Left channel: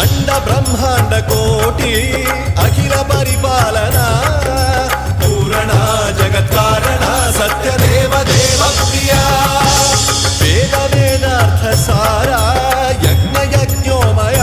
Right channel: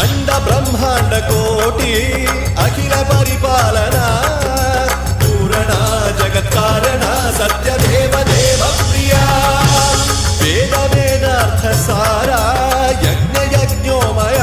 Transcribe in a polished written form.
అండ బ్రహ్మాండ కోటి అఖిల పరిపాలన పూరణ జగత్కారణ సత్యదేవ దేవ ప్రియ వేద వేదార్థ సారా యజ్ఞ యజ్ఞోమయ